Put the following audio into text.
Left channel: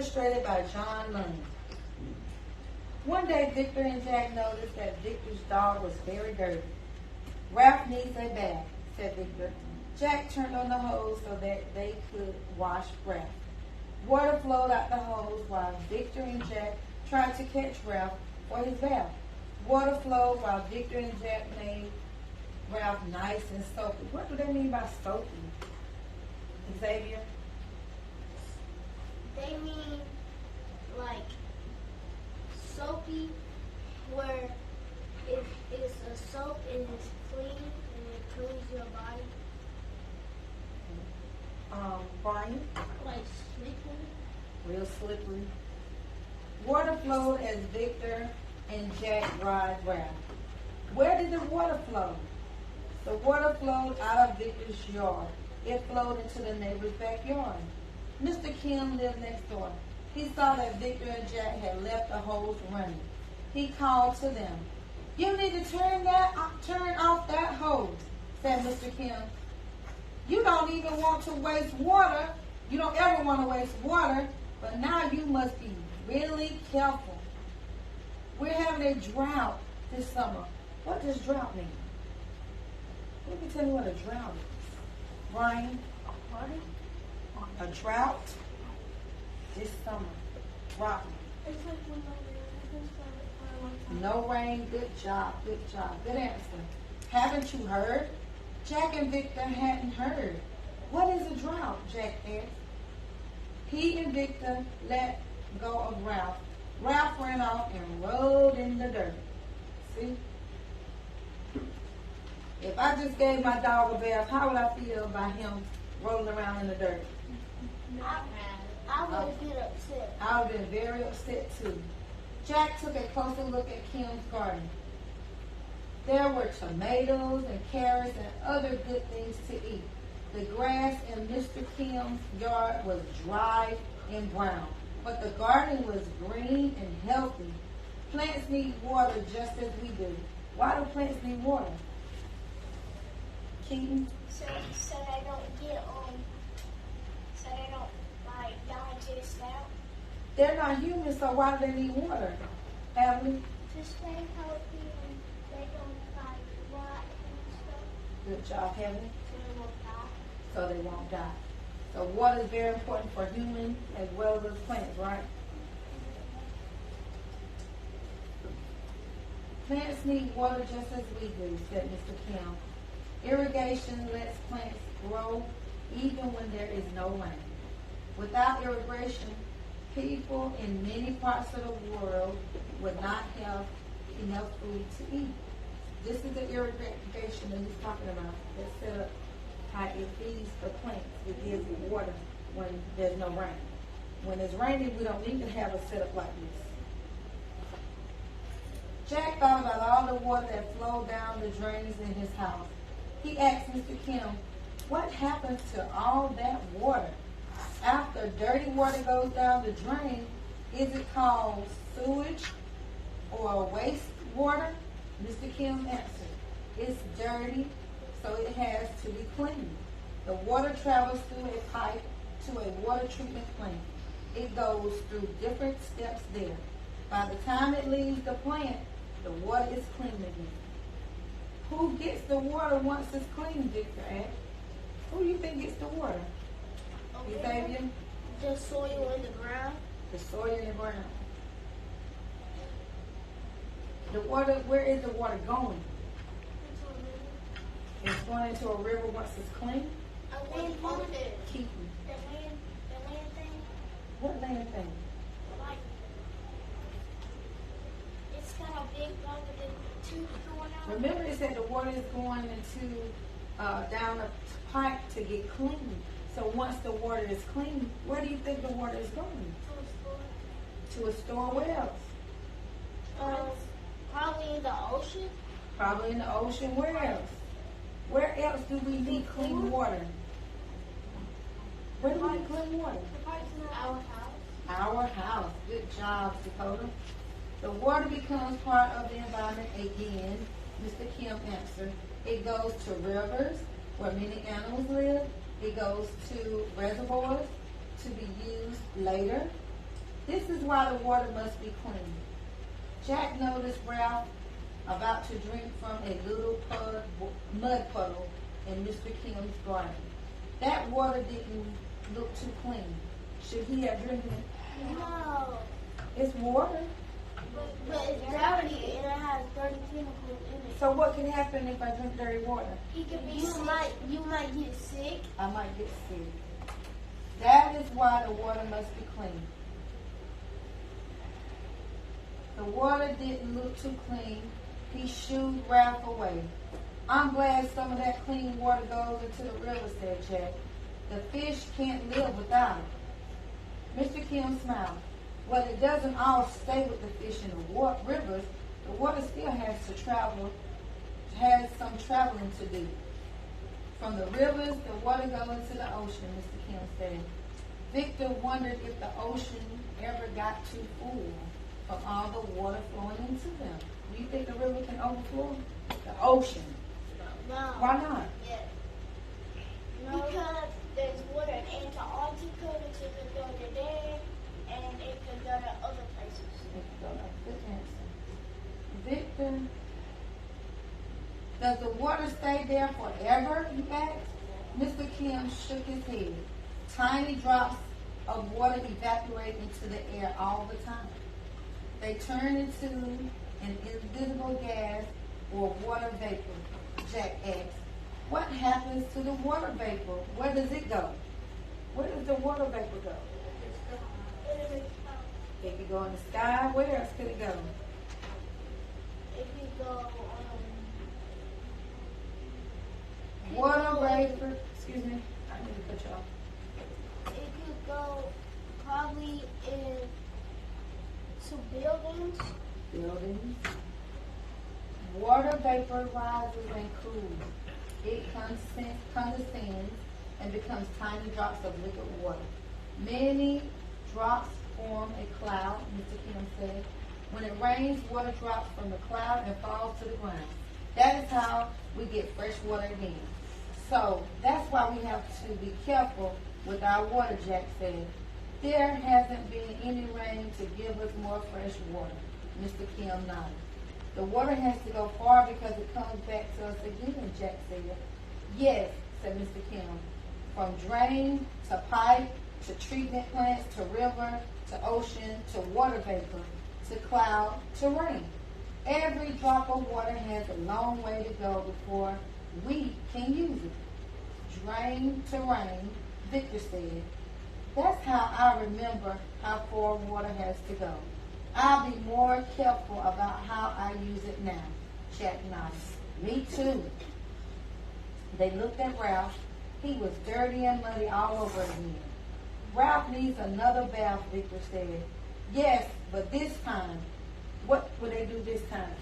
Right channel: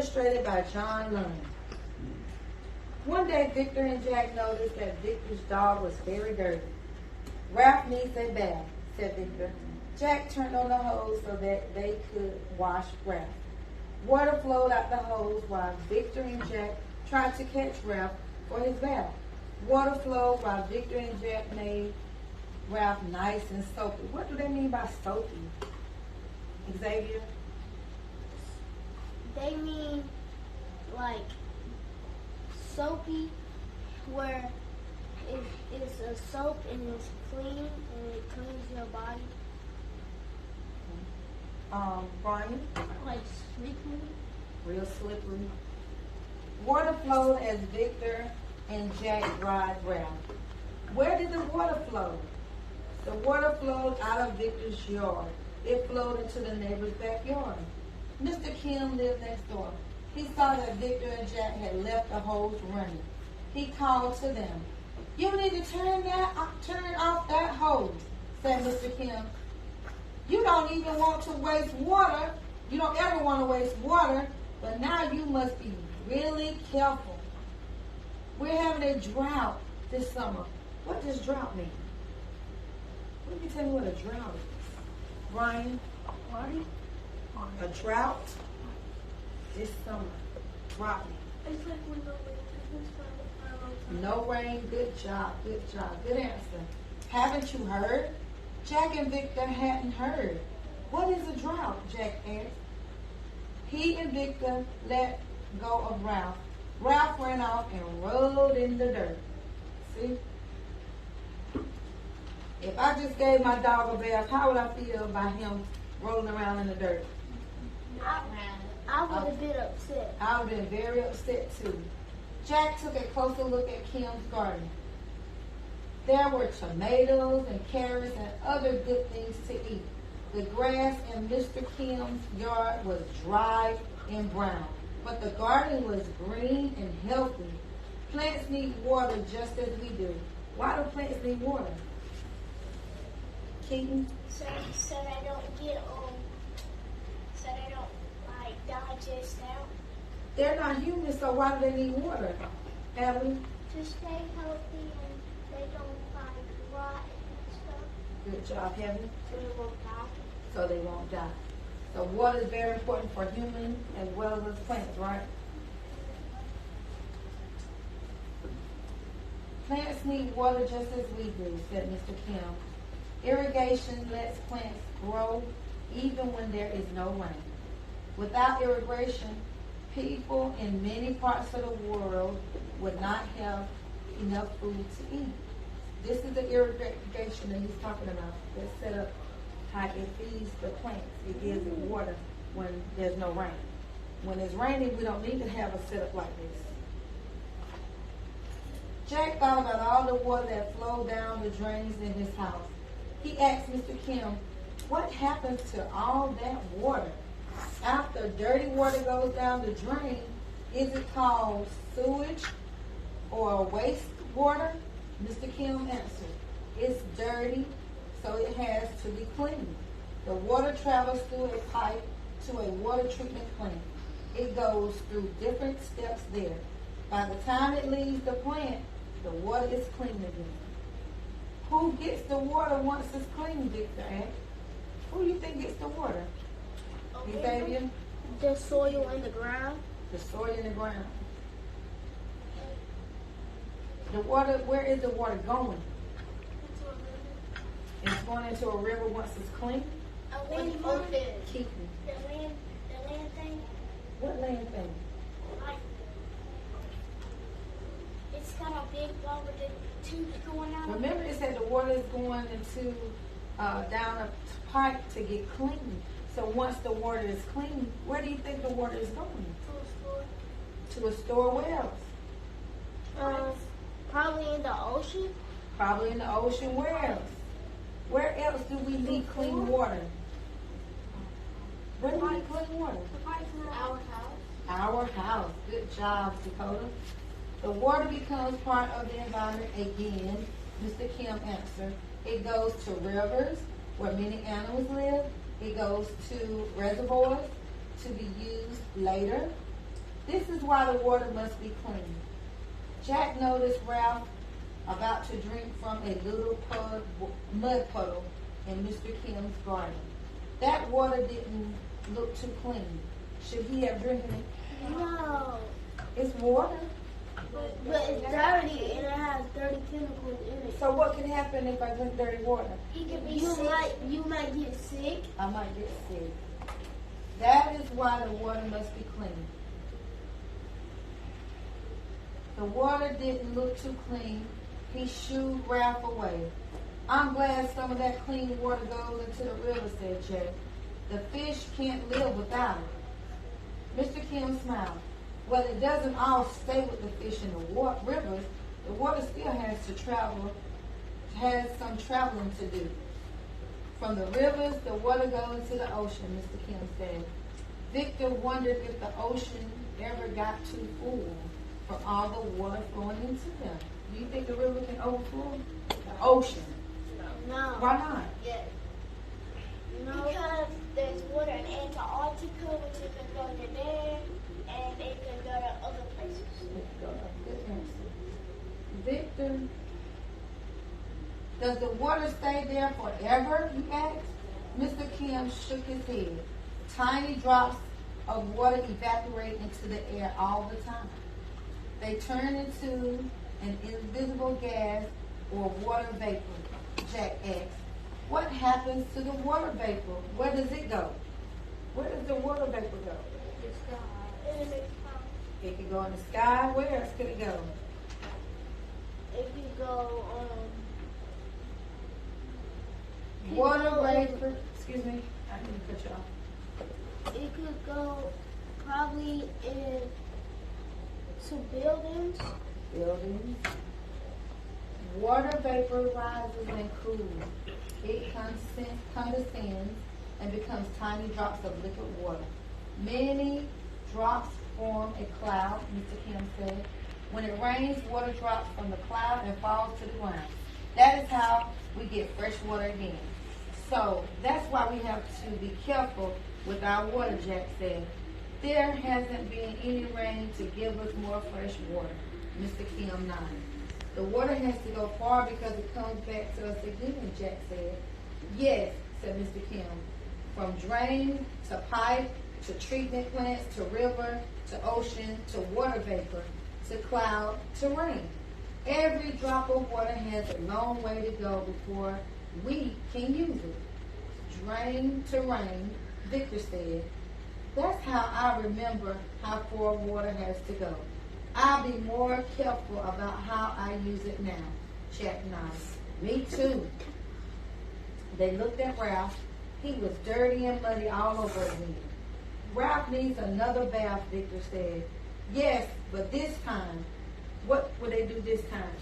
illustrated by John Lund. One day, Victor and Jack noticed that Victor's dog was very dirty. Ralph needs a bath, said Victor. Jack turned on the hose so that they could wash Ralph. Water flowed out the hose while Victor and Jack tried to catch Ralph for his bath. Water flowed while Victor and Jack made Ralph nice and soapy. What do they mean by soapy? Xavier? They mean like soapy, where it's a soap and it's clean and it cleans your body. Brian? Like slippery. Real slippery. Water flowed as Victor and Jack dried Ralph. Where did the water flow? The water flowed out of Victor's yard. It flowed into the neighbor's backyard. Mr. Kim lived next door. He saw that Victor and Jack had left the hose running. He called to them. "You need to turn off that hose," said Mr. Kim. "You don't even want to waste water. You don't ever want to waste water, but now you must be really careful. We're having a drought this summer." What does drought mean? Let me tell you what a drought is. Brian? A drought this summer. Drought. No rain. Good job. Good job. Good answer. Haven't you heard? Jack and Victor hadn't heard. What is a drought? Jack asked. He and Victor let go of Ralph. Ralph ran off and rolled in the dirt. See? If I just gave my dog a bath, how would I feel about him rolling around in the dirt? I would have been upset. I would have been very upset too. Jack took a closer look at Kim's garden. There were tomatoes and carrots and other good things to eat. The grass in Mr. Kim's yard was dry and brown, but the garden was green and healthy. Plants need water just as we do. Why do plants need water? Keaton? So they don't get so they don't like digest out. They're not human, so why do they need water? Alan? To stay healthy and they don't like rot and stuff. Good job, Heaven. So they won't die. So they won't die. So water is very important for humans as well as plants, right? Plants need water just as we do, said Mr. Kim. Irrigation lets plants grow even when there is no rain. Without irrigation, people in many parts of the world would not have enough food to eat. This is the irrigation that he's talking about. That's set up how it feeds the plants. It gives it water when there's no rain. When it's raining, we don't need to have a setup like this. Jack thought about all the water that flowed down the drains in his house. He asked Mr. Kim, what happens to all that water? After dirty water goes down the drain, is it called sewage or waste water? Mr. Kim answered, it's dirty, so it has to be cleaned. The water travels through a pipe to a water treatment plant. It goes through different steps there. By the time it leaves the plant, the water is clean again. Who gets the water once it's clean, Victor asked? Who do you think gets the water? Xavier? The soil in the ground. The soil in the ground. The water, where is the water going? It's going into a river once it's clean? Keaton. The land thing. What land thing? Like, it's got a big ball with the tube going out. Remember it said the water is going into down a pipe to get clean. So once the water is clean, where do you think the water is going? To a store. Where else? Probably in the ocean. Probably in the ocean. Where else? Where else do we need clean water? Where do we need clean water? Our house. Our house. Good job, Dakota. The water becomes part of the environment again, Mr. Kim answered. It goes to rivers where many animals live. It goes to reservoirs to be used later. This is why the water must be clean. Jack noticed Ralph about to drink from a little mud puddle in Mr. Kim's garden. That water didn't look too clean. Should he have drinking it? No. It's water. But it's dirty and it has dirty chemicals in it. So what can happen if I drink dirty water? You might get sick. I might get sick. That is why the water must be clean. The water didn't look too clean. He shooed Ralph away. I'm glad some of that clean water goes into the river, said Jack. The fish can't live without it. Mr. Kim smiled. Well, it doesn't all stay with the fish in the rivers. The water still has some traveling to do. From the rivers, the water goes into the ocean, Mr. Kim said. Victor wondered if the ocean ever got too full from all the water flowing into them. Do you think the river can overflow the ocean? No. Why not? Yeah. Because there's water in Antarctica, which it can go to there, and it can go to other places. Victor, does the water stay there forever? He asked. Mr. Kim shook his head. Tiny drops of water evaporate into the air all the time. They turn into an invisible gas or water vapor. Jack asked. What happens to the water vapor? Where does it go? Where does the water vapor go? It could go in the sky. Where else could it go? It could go Water vapor. Excuse me. I need to cut you off. it could go probably into buildings. Buildings. Water vapor rises and cools. It condescends and becomes tiny drops of liquid water. Many drops form a cloud, Mr. Kim said. When it rains, water drops from the cloud and falls to the ground. That is how we get fresh water again. So that's why we have to be careful with our water, Jack said. There hasn't been any rain to give us more fresh water, Mr. Kim nodded. The water has to go far because it comes back to us again, Jack said. Yes, said Mr. Kim. From drain to pipe to treatment plants to river to ocean to water vapor to cloud to rain. Every drop of water has a long way to go before we can use it. Drain to rain, Victor said. That's how I remember how far water has to go. I'll be more careful about how I use it now. Jack nodded. Me too. They looked at Ralph. He was dirty and muddy all over again. Ralph needs another bath, Victor said. Yes, but this time. What will they do this time?